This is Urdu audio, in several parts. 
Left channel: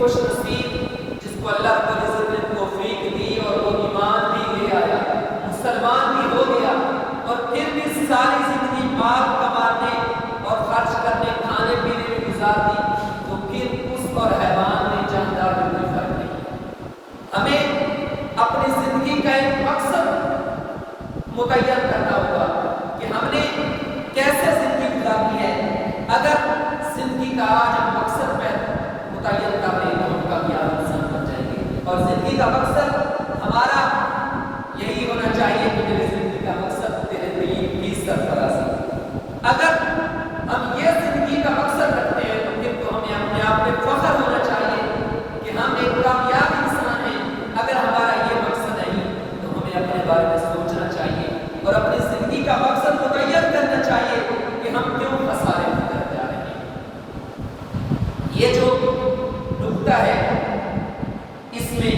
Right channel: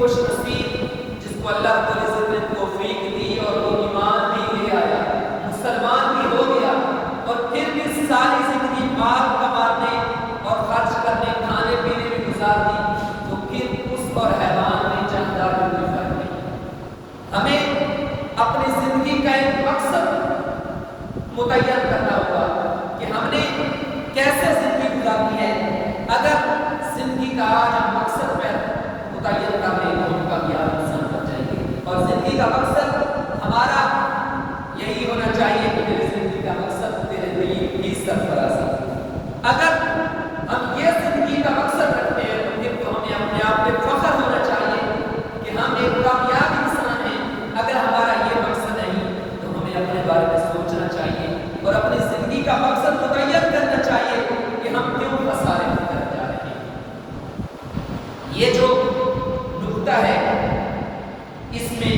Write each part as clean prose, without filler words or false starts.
خوش نصیب جس کو اللہ رب العزت نے توفیق دی اور وہ ایمان بھی لے آیا، مسلمان بھی ہو گیا، اور پھر بھی ساری زندگی مال کمانے اور خرچ کرنے کھانے پینے میں گزار دی، تو پھر اس اور حیوان میں جاندار میں کوئی فرق نہیں۔ ہمیں اپنی زندگی کا ایک مقصد متعین کرنا ہوگا کہ ہم نے کیسے زندگی گزارنی ہے۔ اگر زندگی کا آج ہم مقصد پہ متعین کر لیں تو ہم کامیاب انسان بن جائیں گے، اور زندگی کا مقصد ہمارا یہی ہونا چاہیے کہ میری زندگی کا مقصد تیرے دین کی سرفرازی۔ اگر ہم یہ زندگی کا مقصد رکھتے ہیں تو پھر تو ہمیں اپنے آپ پہ فخر ہونا چاہیے کہ ہم ایک کامیاب انسان ہیں۔ اگر ہمارا یہ مقصد نہیں تو ہمیں اپنے بارے میں سوچنا چاہیے اور اپنی زندگی کا مقصد متعین کرنا چاہیے کہ ہم کیوں خسارے کی طرف جا رہے ہیں۔ یہ جو نقطہ ہے اس میں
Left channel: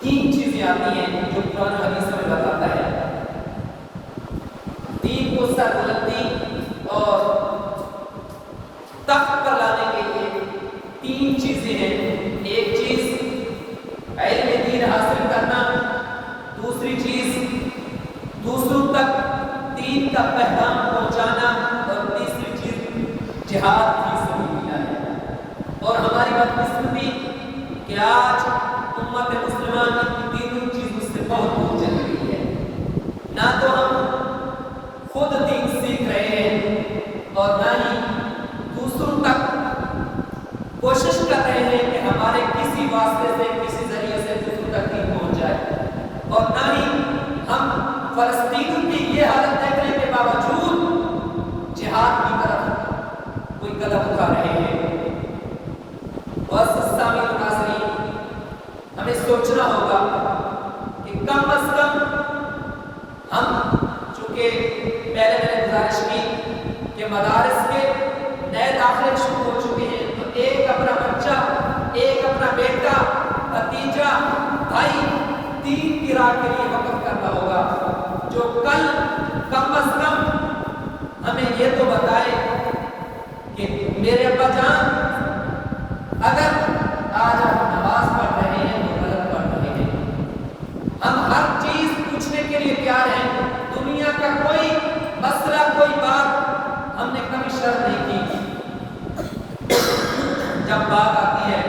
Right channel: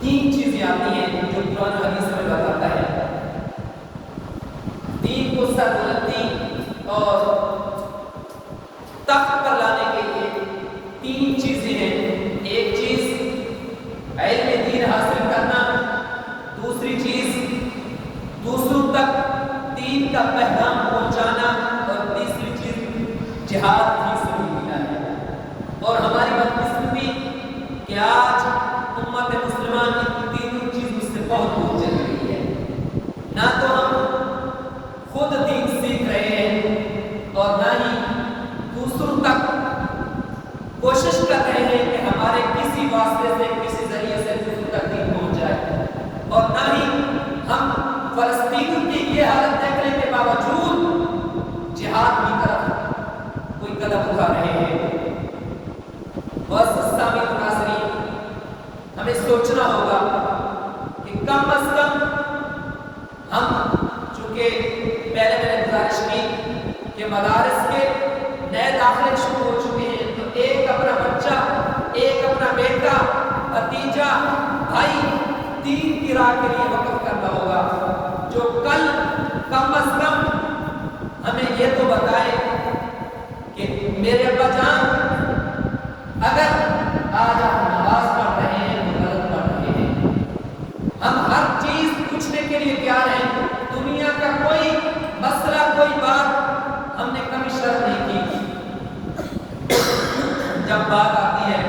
تین چیزیں آتی ہیں جو قرآن حدیث میں بتاتا ہے۔ دین کو سربلندی اور تخت پر لانے کے لیے تین چیزیں ہیں۔ ایک چیز علم دین حاصل کرنا، دوسری چیز دوسروں تک دین کا پیغام پہنچانا، اور تیسری چیز جہاد فی سبیل اللہ ہے۔ اور ہماری بدقسمتی کہ آج امت مسلمان ان تینوں چیزوں سے بہت دور چل رہی ہے۔ نہ تو ہم خود دین سیکھ رہے ہیں اور نہ ہی دوسروں تک کوشش کر رہے ہیں کہ ہمارے کسی واسطے سے کسی ذریعے سے دوسروں تک دین پہنچ جائے، اور نہ ہی ہم فلسطین کی یہ حالت دیکھنے کے باوجود جہاد کی طرف کوئی قدم اٹھا رہے ہیں۔ بس سامعین و ناظرین، ہمیں سوچنا ہوگا کہ کم از کم ہم، چونکہ پہلے میں نے گزارش کی کہ مدارس کے نئے داخلے شروع ہو چکے ہیں، تو ایک اپنا بچہ، ایک اپنا بیٹا، بھتیجا، بھائی دین کی راہ کے لیے وقف کرنا ہوگا، جو کل کم از کم ہمیں یہ تو بتائے کہ میرے ابا جان اگر آج ہم نماز پڑھ رہے ہیں تو غلط پڑھ رہے ہیں، ہم ہر چیز پوچھنے کے لیے تیار ہیں، دنیا کا کوئی مسئلہ کوئی بات ہم نے کبھی شرم نہیں کی۔ جب بات آتی ہے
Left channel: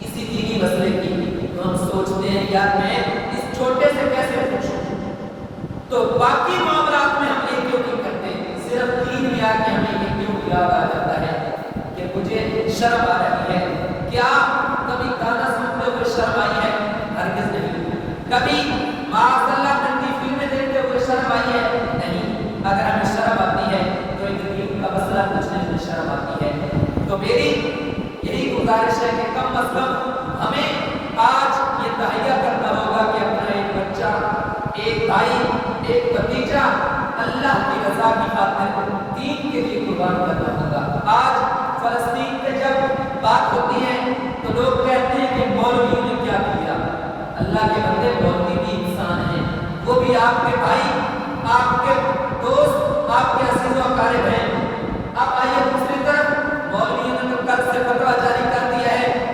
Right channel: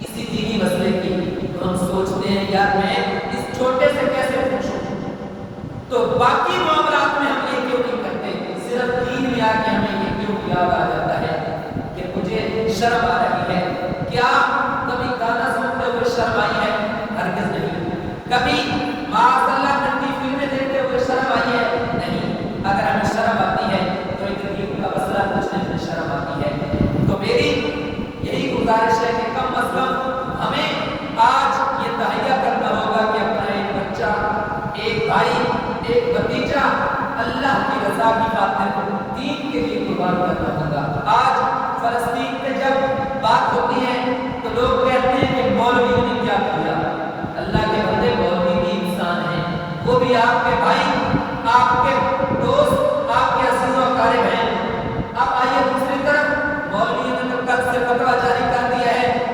کسی دینی مسئلے کی تو ہم سوچتے ہیں یار میں اس چھوٹے سے کیسے پوچھوں، تو باقی معاملات میں ہم یہ کیوں نہیں کرتے، صرف دین میں آ کے ہمیں یہ کیوں یاد آ جاتا ہے کہ مجھے شرم آ رہی ہے۔ کیا کبھی گانا سنتے ہوئے شرم آئی ہے؟ ہرگز نہیں۔ کبھی معاذ اللہ ننگی فلمیں دیکھتے ہوئے شرم آئی ہے؟ نہیں۔ اگر ہمیں شرم آتی ہے تو ایک دین کا مسئلہ پوچھنے میں شرم آتی ہے۔ تو میری یہی گزارش ہے کہ کم از کم ہمیں آج یہ تہیہ کرنا ہوگا کہ اپنا ایک بچہ، ایک بھائی، ایک بھتیجا اللہ کی رضا کی خاطر دین کے لیے قربان کرنا ہوگا۔ آج فلسطین پہ جب بات ہوتی ہے تو لوگ کہتے ہیں کہ مولویوں نے کیا کیا۔ اللہ کے بندے مولوی بھی انسان ہیں، وہ بھی آپ کے بھائی، آپ کے دوست، آپ کے عزیز و اقارب ہیں۔ اب آئیے دوسری طرف، مولویوں نے تو کل سے فتویٰ جاری کر دیا ہے،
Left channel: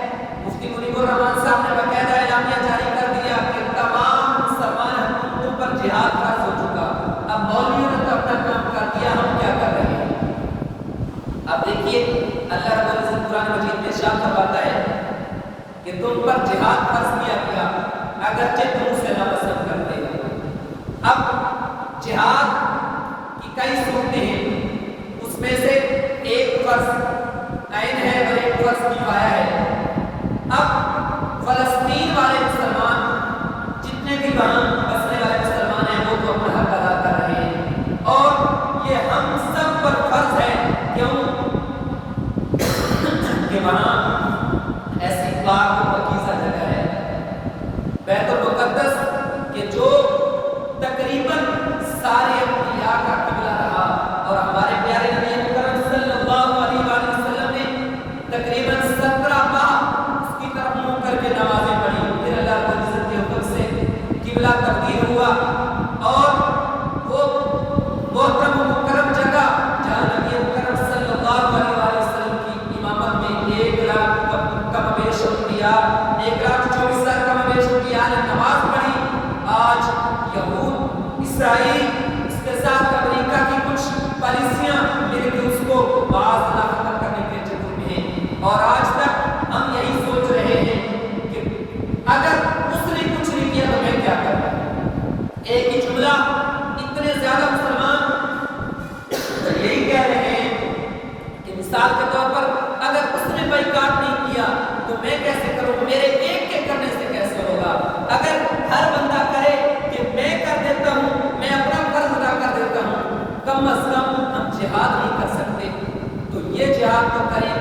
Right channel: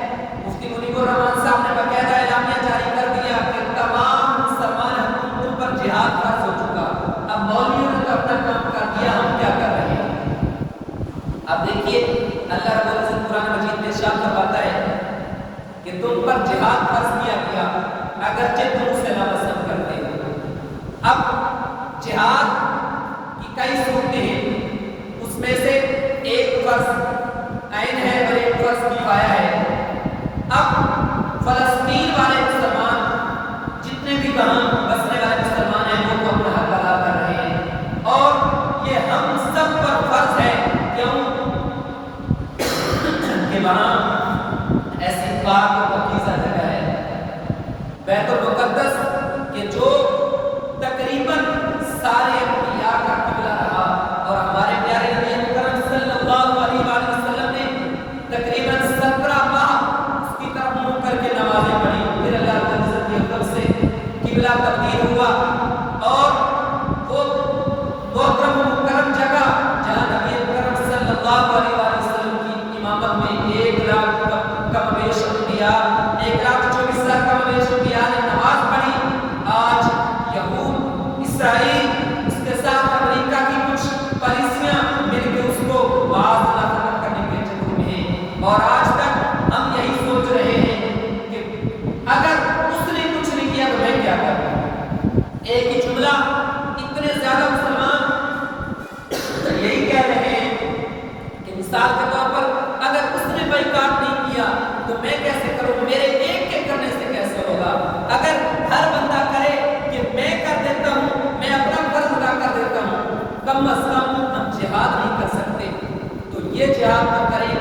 مفتی منیب الرحمان صاحب نے باقاعدہ اعلامیہ جاری کر دیا کہ تمام مسلمان حکومتوں پر جہاد فرض ہو چکا۔ اب مولویوں نے تو اپنا کام کر دیا، ہم کیا کر رہے ہیں؟ اب دیکھیے اللہ رب العزت قرآن مجید میں ارشاد فرماتا ہے کہ تم پر جہاد فرض کیا گیا اگرچہ تم اسے ناپسند کرتے ہو۔ اب جہاد کی کئی صورتیں ہیں، اس میں سے ایک فرض عین ہے اور ایک فرض کفایہ ہے۔ اب فلسطین والے مسلمان جتنے بھی وہاں بسنے والے مسلمان ہیں وہ تو اپنا حق ادا کر رہے ہیں، اور یہ ہم سب پر فرض ہے، کیوں کہ وہاں ایسی پاک و پاکیزہ جگہ ہے بیت المقدس کہ جو تقریباً سارے انبیاء کا قبلہ رہا، اور ہمارے پیارے نبی اکرم صلی اللہ علیہ وآلہ وسلم نے تقریباً 17 ماہ اس کی طرف منہ کر کے نمازیں پڑھی، پھر اللہ رب العزت کے حکم سے قبلہ تبدیل ہوا، اور وہ محترم مکرم جگہ جہاں نبی اکرم صلی اللہ علیہ وآلہ وسلم کی امامت میں اور آج تک ہم یہی سوچ رہے ہیں کہ اگر اس نے کچھ نہیں کیا تو میں کیا کروں. ایک ہی جملہ اتنے زیادہ مسلمان یہی کہہ رہے ہیں کہ مثال کے طور پر اگر اس نے بائیکاٹ نہیں کیا تو میں کیسے کروں, میرے ایک کے کرنے سے کیسے ہوگا. اگر ہر بندہ کرے کہ میں کر دیتا ہوں, میں اپنا فرض ادا کر دیتا ہوں, کم از کم ہم جہاد نہیں کر سکتے تو یہ جہاد نہ کریں,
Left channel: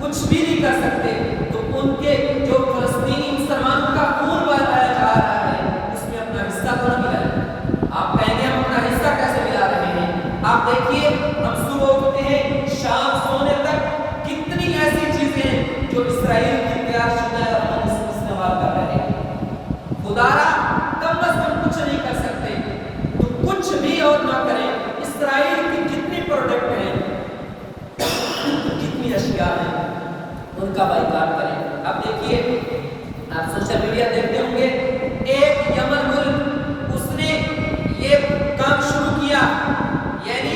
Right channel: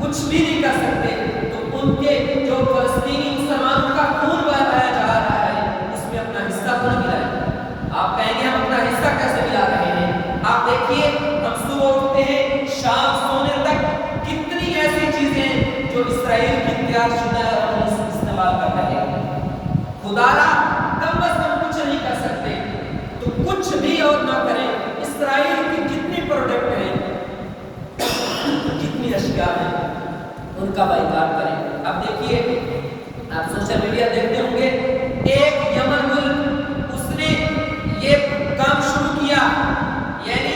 کچھ بھی نہیں کر سکتے تو ان کے جو فلسطینی مسلمانوں کا خون بہایا جا رہا ہے اس میں اپنا حصہ تو نہ ملائیں. آپ کہیں گے ہم اپنا حصہ کیسے ملا رہے ہیں. آپ دیکھیے ہم صبح اٹھتے ہیں شام سونے تک کتنی ایسی چیزیں ہیں جو اسرائیل کی تیار شدہ ہے اور ہم استعمال کر رہے ہیں. خدا را کم از کم کچھ نہیں کر سکتے تو کچھ بھی اور نہ کریں. اسرائیل کی جتنی پروڈکٹ ہیں, جتنی اشیاء ہیں, ان کا بائیکاٹ کریں. اب دیکھیے آپ سوشل میڈیا دیکھتے ہوں گے, ایک یمن ملک اس نے یہ کام شروع کیا, یعنی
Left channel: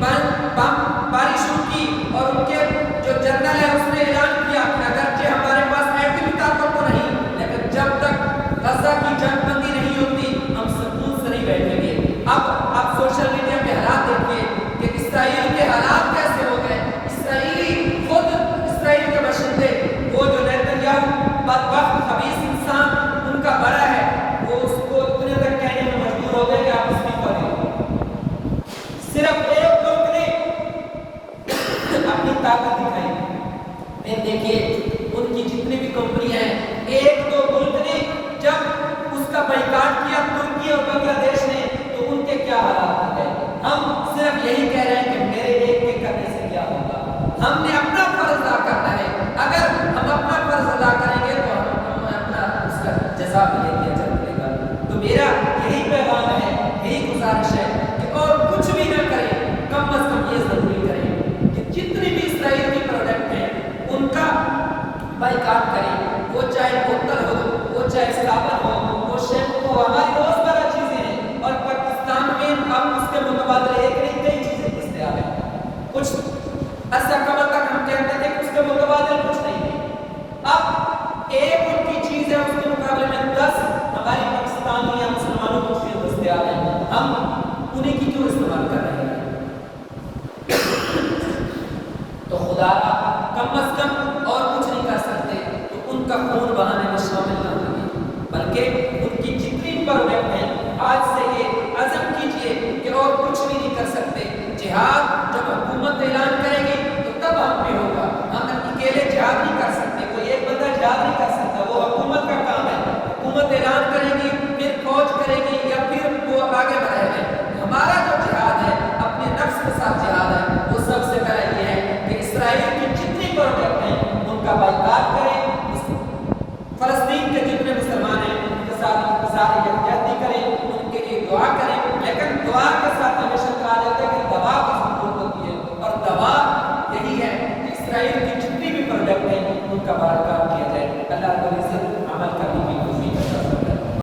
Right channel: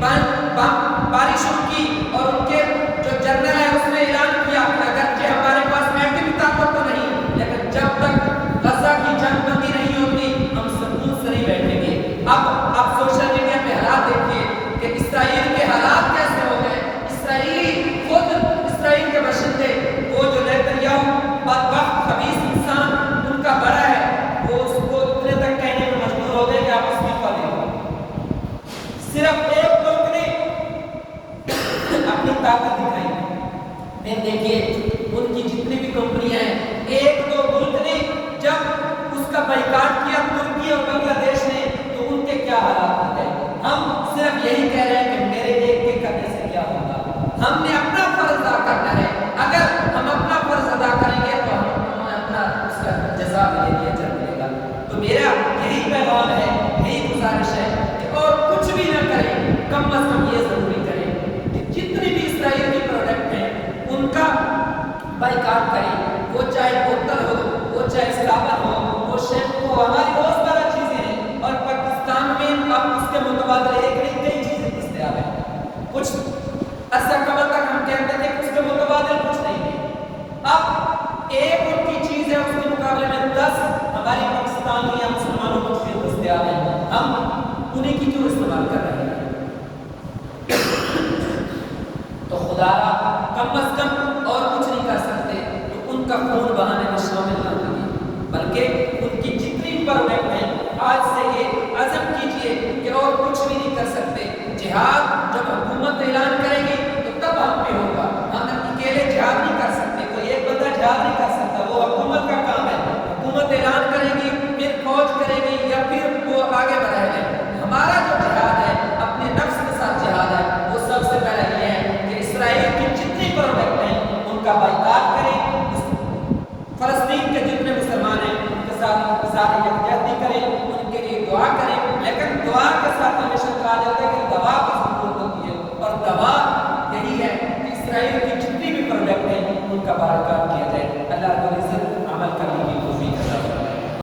باری شروع کی اور ان کے جو جنرل ہے اس نے اعلان کیا کہ اگرچہ ہمارے پاس ایٹمی طاقت تو نہیں لیکن جب تک غزہ کی جنگ بندی نہیں ہوتی ہم سکون سے نہیں بیٹھیں گے. اب آپ سوشل میڈیا پہ حالات دیکھیے کہ اسرائیل کے حالات کیسے ہو گئے. اسرائیلی خود اسرائیل کے باشندے وہ جو نیتنیاہو بدبخت خبیث انسان ان کا بڑا ہے, وہ اس کو اتنے تک کہنے میں مجبور ہو گئے کہ آپ استعفا دیں. صرف ایک ملک نے اپنی طاقت دکھائی. پھر دیکھیے ان کی جتنی بھی کمپنیاں ہیں, ایک دو ملک نے جب اس کا بائیکاٹ کیا ترکی اور بنگلہ دیش نے تو ان کے کیا حالات ہو گئے. ہم صرف یہی کہہ رہے ہیں کہ میرے ایک کے کرنے سے کیا ہوگا. ہم نے اپنا فرض ادا کرنا ہے. اگر ہم اپنا فرض ادا کریں گے تو ہم اپنا اس کا جزا ملے گی, اجر ملے گا. تو میرا یہی پیغام ہے, یہی گزارش ہے کہ اور کچھ بھی نہ کریں, کم از کم یہ ضروری کریں کہ جتنی بھی اسرائیل کی پروڈکٹ ہیں ان کا بائیکاٹ کریں. وہ چاہے بوتل ہو, وہ چاہے صابن ہو, وہ شیمپو ہو, ہماری بہت بڑا چیزیں ہیں اور پاکستان میں اب اس کے متبادل ایک نہیں کئی چیزیں دستیاب ہیں. کچھ عرصہ قبل تک ہم کہتے تھے کہ اس کے متبادل کچھ نہیں ہے. اب ایک ان کی چیز ہے, اس کے مقابلے میں 10 ہماری پاکستانی یا مسلمانوں کو چیزیں دستیاب ہیں. ہم انہیں کی کیوں استعمال کر رہے ہیں. تو خدا را کم از کم اور کچھ نہیں کر سکتے تو ان کا خون بہانے میں شامل نہ ہوئے, بلکہ ان کی جتنی پروڈکٹ ہیں آج سے یہ عزم کیجئے کہ اور کچھ بھی نہیں کر سکتے. جہاد جب حکومت اعلان کرے گی تو تب ہم پہ ہوگا. ہم اکیلے جہاد نہیں کر سکتے, کوئی ایک بندہ جہاد نہیں کر سکتا, وہ حکومت کا کام ہے. حکومت اعلان کرے گی, پھر فوج کرے گی یا پھر وہ آگے بڑھائے گا. ہمارا جو جہاد ہے اپنے نفس کے ساتھ جہاد ہے, وہ سب سے پہلے یہ ہے کہ اسرائیل کی جتنی پروڈکٹ ہیں ان کا بائیکاٹ کریں. فلسطین کے جتنے مسلمان ہیں ان کے ساتھ یکجہتی کریں, ان کے لیے دعا کریں, لیکن دعا کے ساتھ ہمیشہ